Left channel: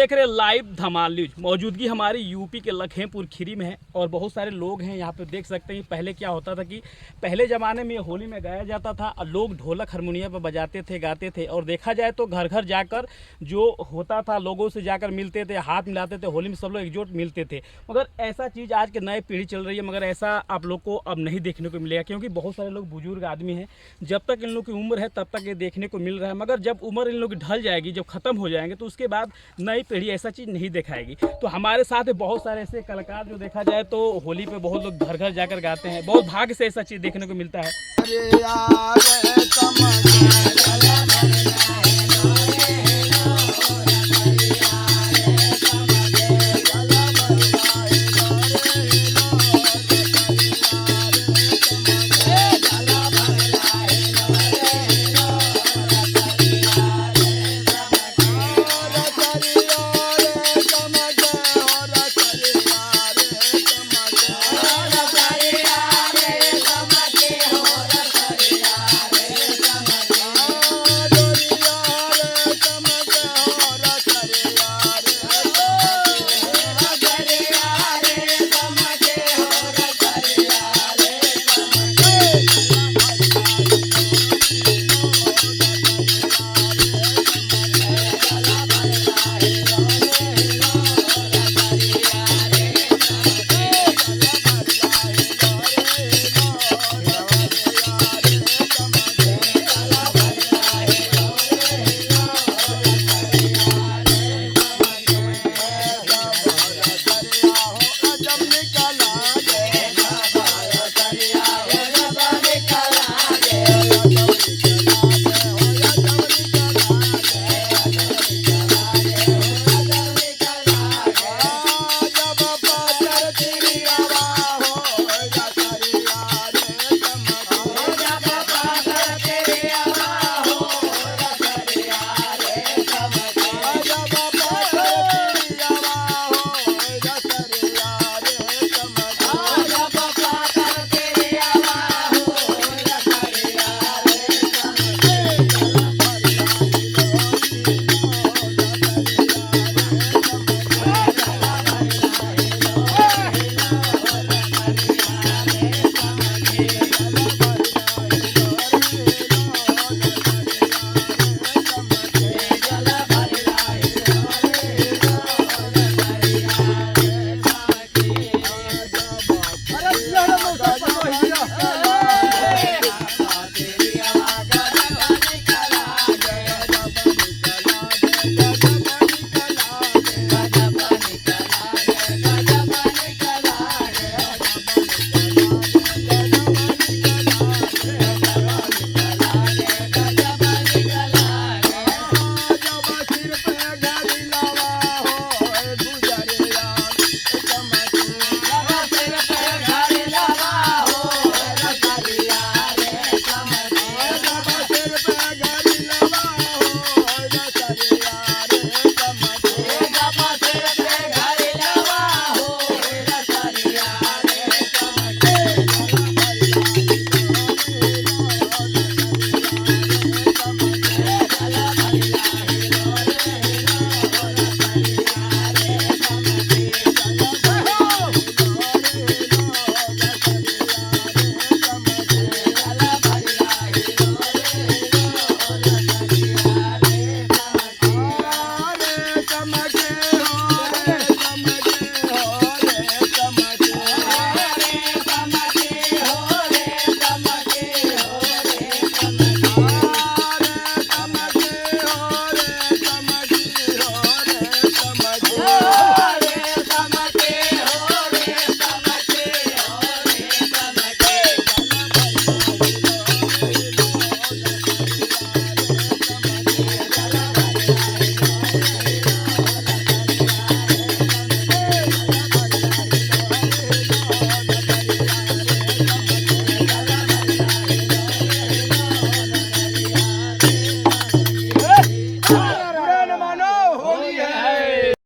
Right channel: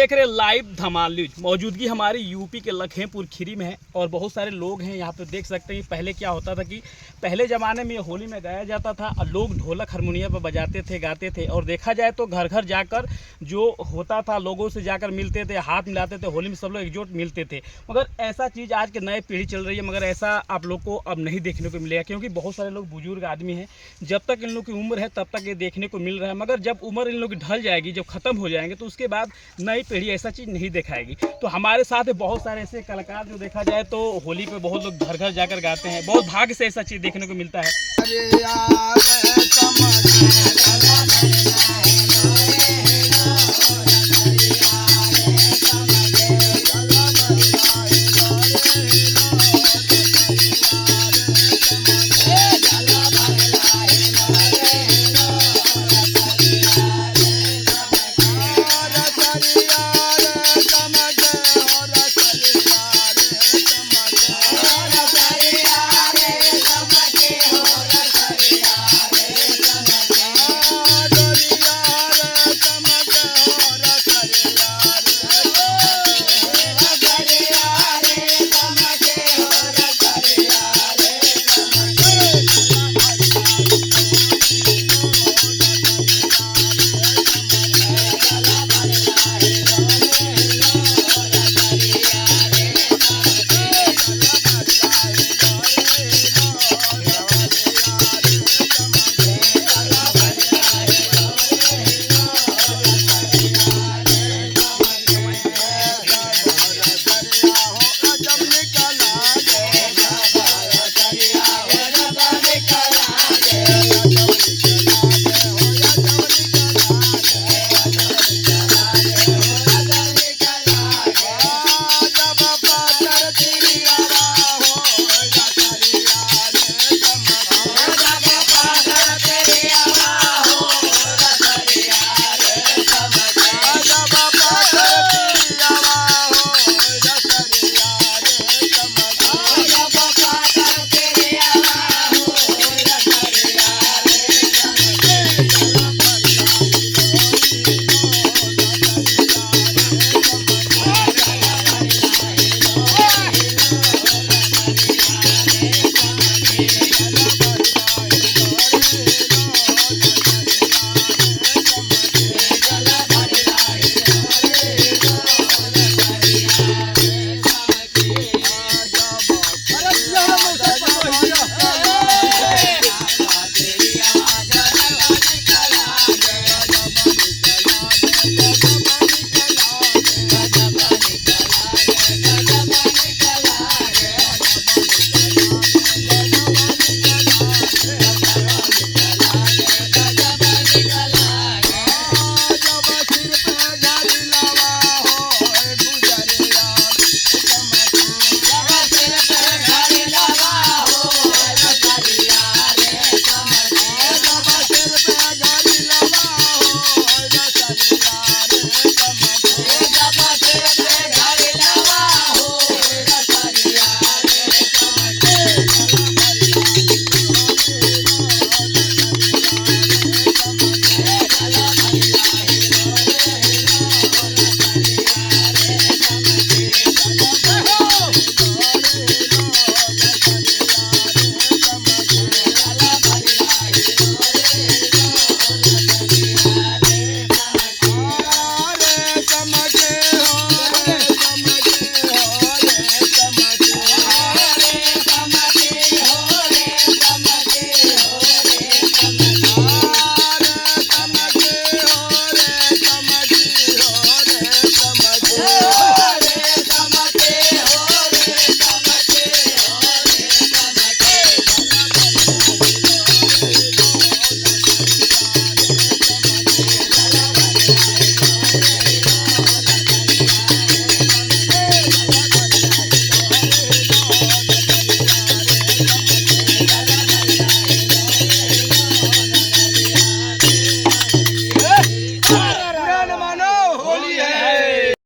देख रहे लाइव धमाल न्यूज। मौजूदगी हमारी यूपी के लखीमपुर खीरी में है और बहुत सारे लोग हैं यहाँ पे। देख सकते हैं पहले क्या होता था कि पहले ज़माने में ये होली में गाया जाता था और लोग ढोलक हारमोनियम पर बजाते थे, गाते थे। और देखा जाए तो घर घर जाकर जो होता था, लोगों से जाकर मिलते थे, हाथ मिलाते थे, होली में सब लोग एकजुट मिलते थे। मगर ऐसा चीज़ आज के नए पीढ़ी चल रही है, मगर ऐसा आप लोग को अब नहीं देखने को मिलेगा, क्योंकि बहुत सारे लोग बुजुर्ग आदमी हैं। जब तक इन लोग की उम्र है तब तक ये देखने को मिल रहा है, मगर जब उम्र इन लोग की ढल जाएगी, जब ख़त्म हो जाएंगे, तो उसके बाद नई पीढ़ी ऐसा चीज़ नहीं दिखाएगी। तो हमारे साथ बहुत सारे ऐसे कलाकार जो देखा जाए तो होली पे बहुत लोग घर घर जाकर गाते हैं। बहुत भाग्य से ऐसा चीज़ देखने को मिलता है।